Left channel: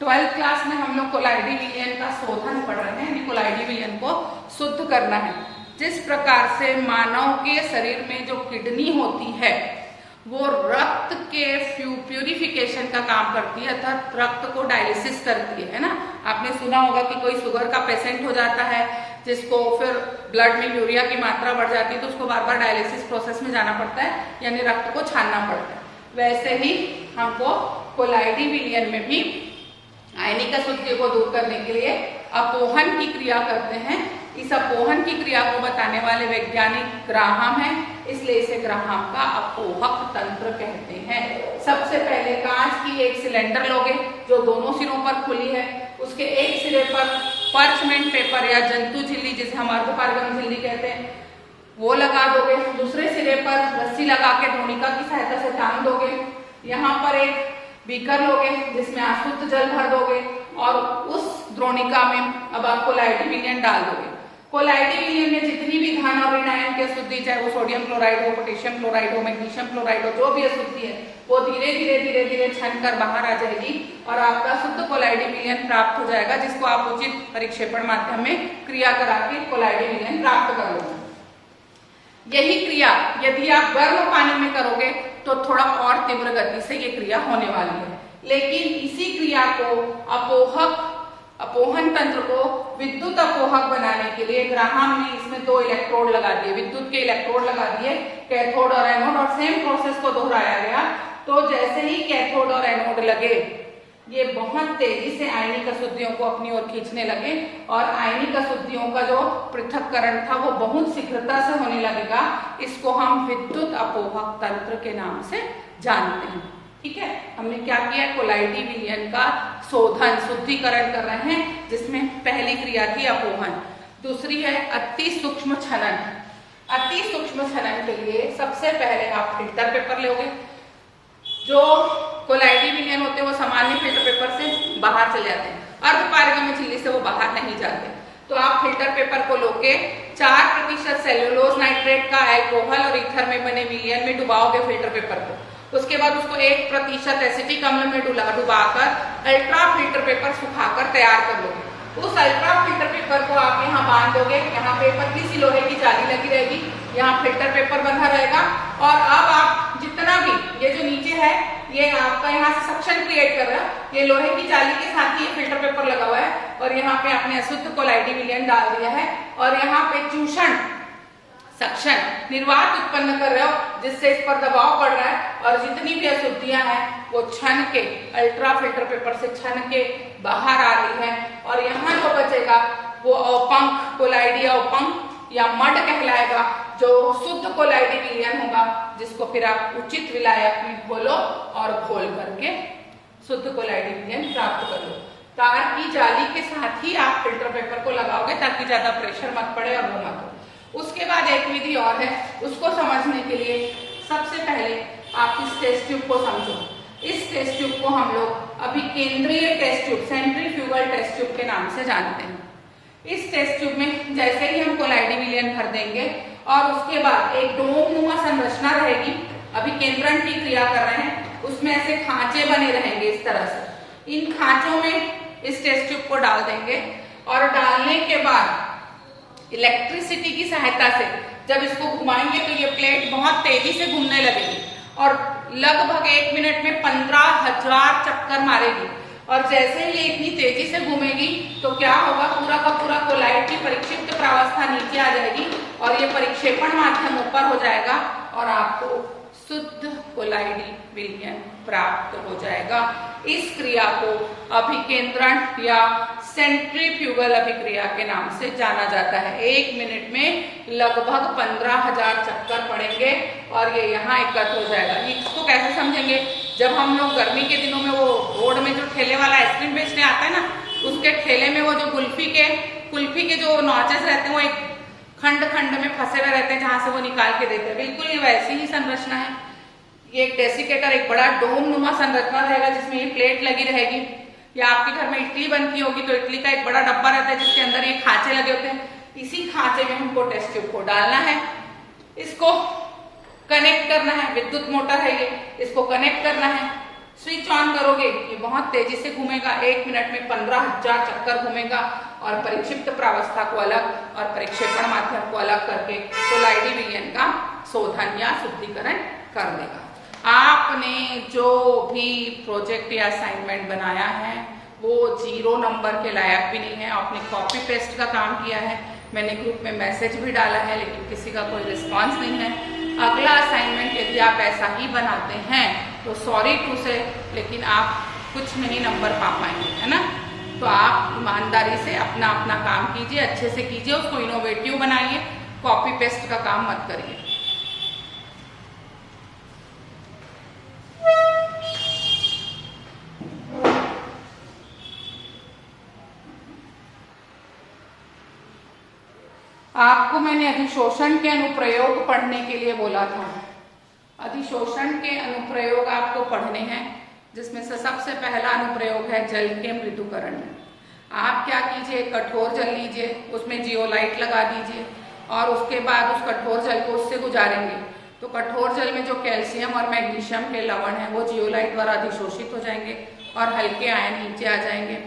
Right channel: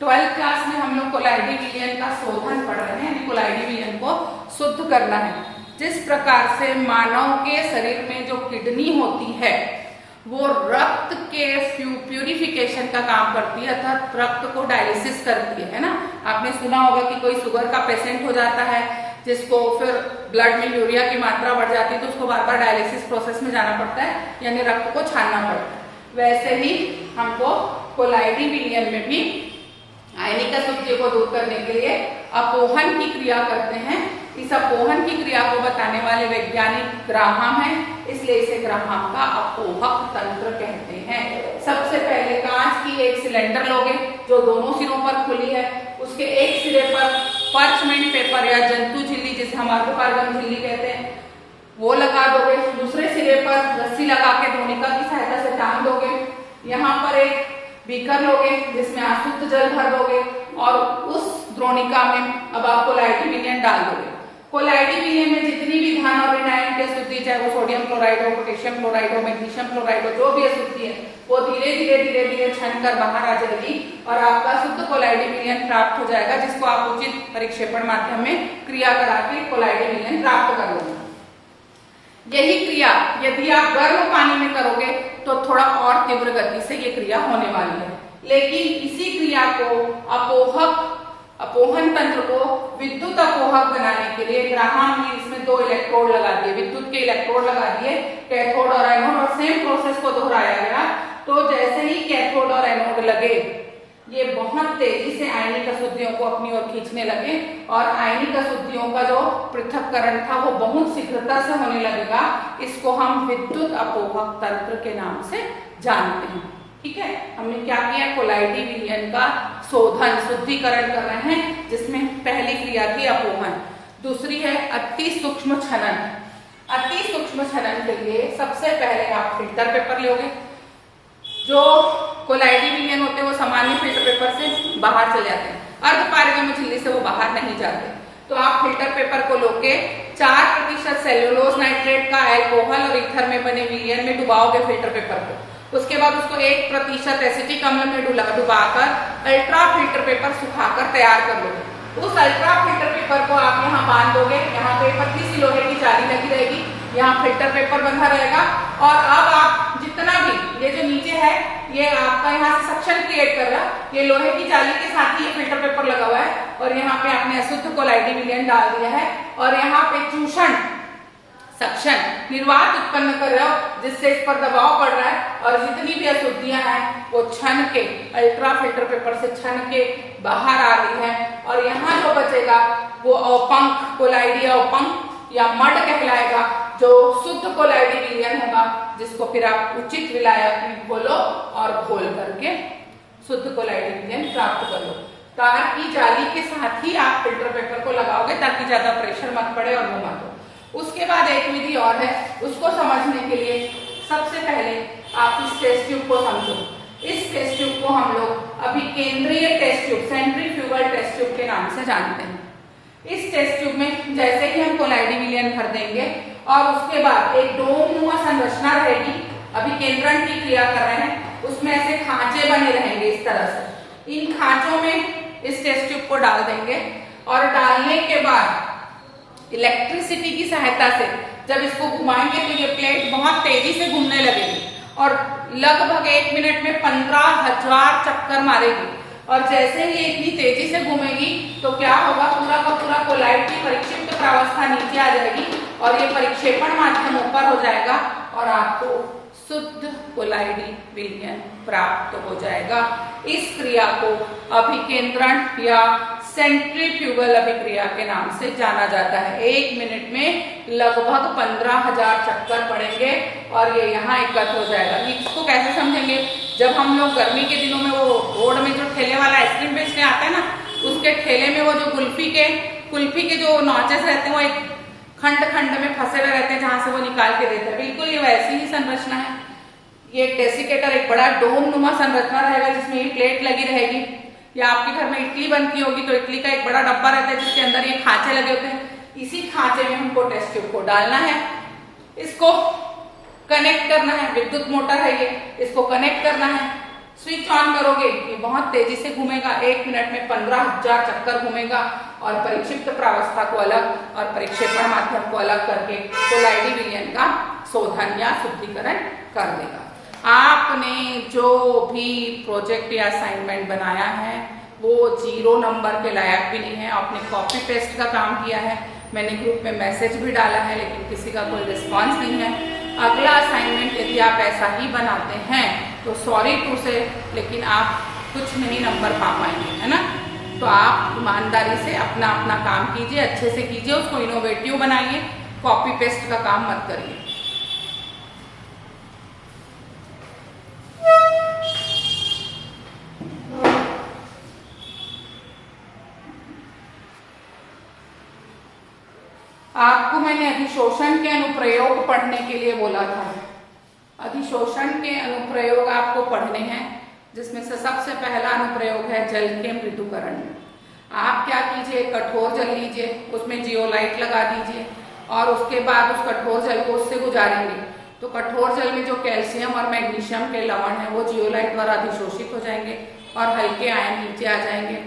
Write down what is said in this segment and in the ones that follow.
12th class में हम लोग कोलाइडी विलयन का शोधन पढ़ रहे हैं, यानी कोलाइडी विलयन को शुद्ध करना है। जिस प्रकार से मानव के शरीर में जो किडनी होती है वो रक्त के प्यूरिफिकेशन का काम करती है, अर्थात रक्त को डायलिसिस करती है ना। आपने सुना होगा कि कोई शुगर का पेशेंट हो जाता है जिसको फिर ब्लड में यूरिया की मात्रा बढ़ जाती है तो उसको बार बार डायलिसिस प्रोसेस में जाना पड़ता है, यानी रक्त को छानना पड़ता है। वैसे ही हमको कोलाइडी विलयन में भी आयनिक अशुद्धियों को दूर करने के लिए अपोहन की क्रिया करते हैं। इस अपोहन की क्रिया को बताने वाले वैज्ञानिक ग्राहम है, इसलिए इसे ग्राहम का अपोहक तंत्र कहते हैं। सबसे पहले कांच की एक सिलेंडर लोगे जो दोनों सिरों पर खुली है, उसके एक सिरे पर पार्चमेंट पेपर या जंतु झिल्ली, जिसे हम अर्धपारगम झिल्ली कहते हैं, वो लगा दोगे। दूसरे सिरे पर रस्सी लगा के द्रोणिका की सहायता से टांग दोगे। यहाँ पर एक बीकर लोगे जिसमें अशुद्ध जल भर दोगे और उस द्रोणिका में अब आप कोलाइडी विलयन डाल दोगे। कोलाइडी विलयन में जितनी भी धान और विनायन की अशुद्धि, चाहे वो सोडियम क्लोराइड हो, पोटेशियम क्लोराइड हो, मैग्नीशियम क्लोराइड हो, जो भी अशुद्धि है वो धीरे धीरे छन कर बाहर आ जाएगी और आपका शुद्ध कोलाइडी विलयन प्राप्त हो जाएगा, जिसको आप उचित परिक्षेपण माध्यम में क्रिया करा के कोलाइडी विलयन प्राप्त कर लोगे। यही क्रिया यदि आप गर्म पानी में करोगे तो थोड़ा और तीव्र गति से ये क्रिया होने वाली है, लेकिन इसी क्रिया को अपोहन तंत्र को विद्युत अपोहक बनाने के लिए ग्राहम ने इसमें 2 इलेक्ट्रोड लगा दिए, विद्युत के इलेक्ट्रोड लगा दिए, कैथोड और एनोड, और सेम प्रोसेस को दोहराया गया। तो जैसे ही कैथोड और एनोड लगे ये बहुत तेजी से आयनिक अशुद्धियों को अपनी ओर खींचने लगे और आयनिक अशुद्धियों का जो पृथक्करण था वो बहुत शीघ्रता से होने लगेगा। इसको हम विद्युत अपोहक तंत्र के नाम से जानते हैं। ठीक है, हमने क्या किया, कोलाइडी विलयन का शोधन शुद्धिकरण कर रहे हैं, जिसमें पहली क्रिया थी अपोहन, दूसरी है अति सूक्ष्म छनन। अति सूक्ष्म छनन के लिए सबसे पहले आप फिल्टर पेपर लोगे। जो कोलाइडी विलयन होते हैं वो सामान्य फिल्टर पेपर से बाहर चले जाते हैं, अर्धपारगम झिल्ली से वो बाहर नहीं जाते। तो आप फिल्टर पेपर को लोगे 4% सेल्यूलोज नाइट्रेट का अल्कोहल और ईथर में बने विलयन में डुबाओगे फिल्टर पेपर को। उसके बाद उसको 1% एसिटिक अम्ल में डुबाकर अल्ट्रा फिल्टर पेपर सुखाकर तैयार कर लोगे। उस अल्ट्रा फिल्टर पेपर को आप यहाँ बांध दोगे, यहाँ पे पतली सी लोहे की जाली लगी रहेगी, यहाँ फिल्टर पेपर बंधा रहेगा और अब आप जितना भी ये जो नीचे है ये आपका यहाँ से सक्शन क्रिएट कर रहा है, ये लोहे की जाली के साथ ही ये फिल्टर पेपर लगा हुआ है और यहाँ पे आपने अशुद्ध कोलाइडी विलयन डाल दिया है और यहाँ पे चूषण सक्शन निर्वात उत्पन्न कर रहे हो जिससे इस पर दबाव पड़ रहा है और जितनी भी अशुद्धियां हैं वो छन के अल्ट्रा फिल्टर पेपर से छन के बाहर आ रही है और यहाँ जो बचेगा वो अवपंक कोलाइडी अवपंक या मड कहलाएगा, जो शुद्ध कोलाइडी विलयन होगा, जिसको फिर आप उचित विलायक में घोलो और घोल करके शुद्ध कोलाइडी विलयन प्राप्त कर लो। तार की जाली के साथ ही आप फिल्टर पेपर को लगाओगे ताकि ज्यादा प्रेशर मत पड़े और वो मत हो। उसके बाद एक विधि और है, उसको समझने के लिए सबसे पहले आप इस टेस्ट ट्यूब को समझो। इस टेस्ट ट्यूब को हम लोग अभी केंद्रीय test tube, centrifugal test tube के नाम से जानते हैं। इस टेस्ट ट्यूब में जैसे ही हम कोलाइडी विलयन भर देंगे और उसके बाद एक डोमनुमा संरचना रहेगी, अभी केंद्रण की क्रिया कर रहे हैं, उसमें ऐसे खांचे बने रहेंगे इस तरह से। इन खांचों में इस टेस्ट ट्यूब को डाल देंगे और डालने के बाद इलेक्ट्रिसिटी की सहायता से जब इसको घुमाएंगे तो ये प्लेट बहुत तेजी से घूमने लगेगी और लगभग 1 मिनट में 15,000 चक्कर मारेगी और जैसे ही ये इतनी तेजी से घूमेगी तो क्या होगा, पूरा का पूरा कोलाइड की परिक्षिप्त प्रावस्था नीचे आ जाएगी और ये परिक्षेपण माध्यम ऊपर हो जाएगा और आपको शुद्ध कोलाइडी विलयन प्राप्त हो जाएगा। इस क्रिया को अभिकेंद्रण या सेंट्रीफ्यूगल अभिक्रिया के नाम से जाना जाता है। 1 मिनट में लगभग 15,000 चक्कर पड़ेंगे और ये यहाँ एकत्र हो जाएगा। इसको कैसे समझेंगे, जब हम लोग गर्मी के दिनों में वो रोड में जो ठेले वाला आइसक्रीम बेचने आता है ना, उसके ठेले में वो जो कुल्फी के जो नॉचेस रहते हैं वो एक खंड खंड में फंसे हुए रहते हैं जहां से वो निकाल के देते हैं, बिल्कुल ये वैसी ही संरचना है। ये एक डेसिकेटर, एक बड़ा डोम नुमा संरचना रहेगा जिसमें ये प्लेट लगी रहेगी, या आपके घर में इडली बनती होगी तो इडली का एक बड़ा डब्बा रहता है जिसके अंदर ये खांचे लगे होते हैं। इसी खांचे में हमको टेस्ट ट्यूब को डालना है, इसको कनेक्ट करना है, विद्युत मोटर है ये, इसको कनेक्ट करना है स्विच ऑन करोगे ये बहुत तेजी से घूमेगा, 1 मिनट में 15,000 चक्कर घूमेगा और परिक्षिप्त प्रावस्था को अलग और परिक्षेपण माध्यम को अलग करके कोलाइडी विलयन का शोधन या शुद्धिकरण कर देगा। आपने जो भी प्रोजेक्ट या असाइनमेंट बनाया है वो 0 नंबर के लायक भी नहीं है। आपने कॉपी पेस्ट का काम किया है, मैंने ग्रुप में मैसेज भी डाला है लेकिन किसी का कोई रिस्पॉन्स नहीं है। अगला असाइनमेंट यदि आप ऐसा ही बनाते हैं तो सॉरी टू से, लेकिन आप कुछ नहीं नंबर पा पाएंगे, है ना। तो आप ईमानदारी से अपना अपना काम कीजिए, अच्छे से कीजिए, उसको इनोवेटिव बनाइए, कॉपी पेस्ट का काम मत करिए। आपको मैंने अधिशोषण के अनुप्रयोग पढ़ने के लिए बोला था। अधिशोषण के अनुप्रयोग आपको पढ़ने हैं, जिसमें से सबसे पहला अनुप्रयोग है जल के मृदुकरण में। आप क्या कीजिए, कठोर जल लीजिए, उसमें जियोलाइट लगा दीजिए और उसके बाद उस कठोर जल को उससे गुजारेंगे तो कठोर जल में जो कैल्शियम और मैग्नीशियम के लवण है वो जियोलाइट द्वारा अधिशोषित हो जाएंगे और हल्के आयन नीचे आ जाएंगे।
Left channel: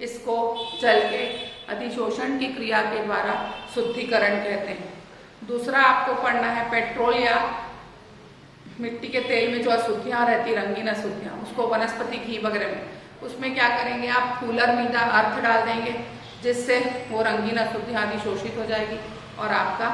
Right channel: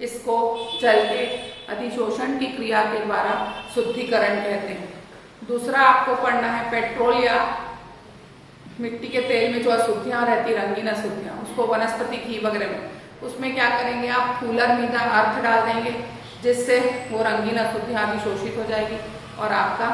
इसको जल के अधिशोषण की क्रिया के द्वारा शुद्धिकरण कहते हैं। दूसरा आपको पढ़ना है पेट्रोल या मिट्टी के तेल में जो अशुद्धियां रहती, रंगीन अशुद्धियां, उसको वनस्पति घी वगैरह में, उसमें क्या करेंगे आप फूलर मीदा अर्थ डाल देंगे जिससे वो रंगीन अशुद्धियां अधिशोषित हो जाएगी और आपका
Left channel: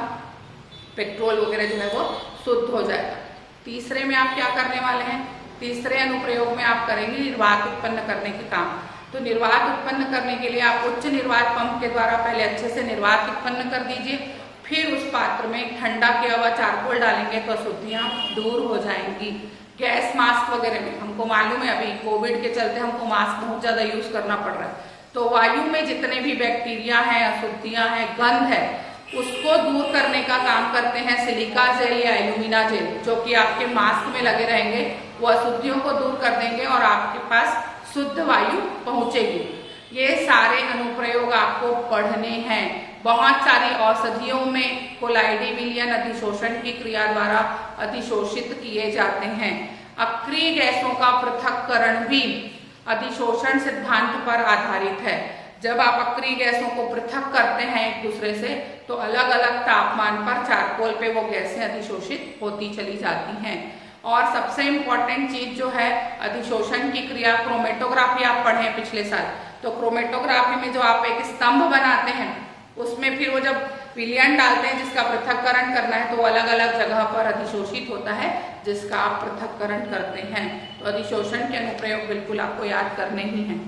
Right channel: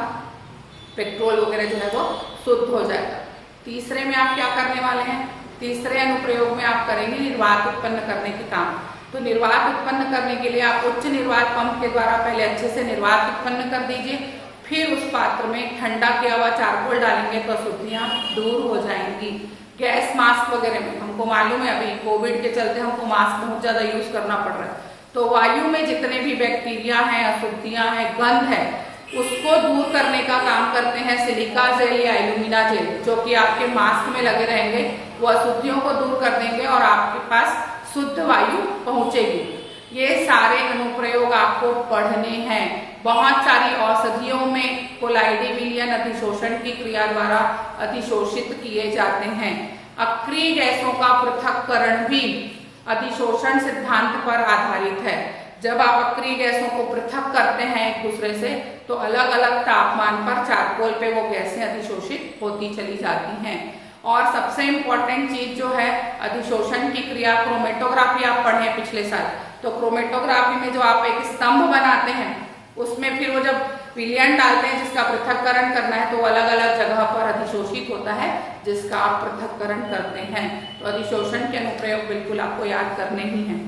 पेट्रोल वगैरह जो है वो शुद्ध हो जाएगा। तीसरे में आप क्या करने वाले हैं, तीसरे अनुप्रयोग में आप करेंगे निर्वात उत्पन्न करने के काम। तो निर्वात उत्पन्न करने के लिए आप उच्च निर्वात पंप के द्वारा पहले अच्छे से निर्वात उत्पन्न कर दीजिए, फिर उस पात्र में ठंडा किया हुआ चारकोल डालेंगे तो अशुद्धियां दूर हो जाएंगी। गैस मास्क वगैरह में हमको मालूम है अभी कोविड के चलते हमको मास्क बहुत ज्यादा यूज करना पड़ रहा है, तो वायु में जितने भी बैक्टीरिया हैं, अशुद्धियां हैं, गंध है, उसको दूर करने का काम करते हैं सिलिका जेल या एल्यूमिना जेल, जो कि आपके मास्क में लगे रहेंगे, वो अशुद्धियों को दूर कर देंगे और आपके पास शुद्ध वायु पहुंचेगी। ये सारे अनुप्रयोग आपको पढ़ने हैं। बहुत सारी औषधियों में कोलाइडी विलयन अधिशोषण की क्रिया द्वारा अधिशोषित किए जाते हैं। अक्रिय गैसों का पृथक्करण भी अधिशोषण सिद्धांत पर आधारित है। जब आप अक्रिय गैसों को पृथक करते हैं एक दूसरे से तो अलग अलग तापमान पर चारकोल पे वो गैसें अधिशोषित होती चली जाती हैं। और सबसे इम्पोर्टेंट चीज जो है अधिशोषण की क्रिया, क्रोमेटोग्राफी आप पढ़े पिछले साल, तो क्रोमेटोग्राफी में जो आप एक स्तंभ बनाते हैं उसमें फिर वो जब विलयन डालते हैं जिसका पृथक्करण करना है तो अलग अलग जगह पर अधिशोषित होता है जिसका आप पृथक्करण करते हैं। तो अधिशोषण के अनुप्रयोग बिल्कुल आपको याद करने ही हैं।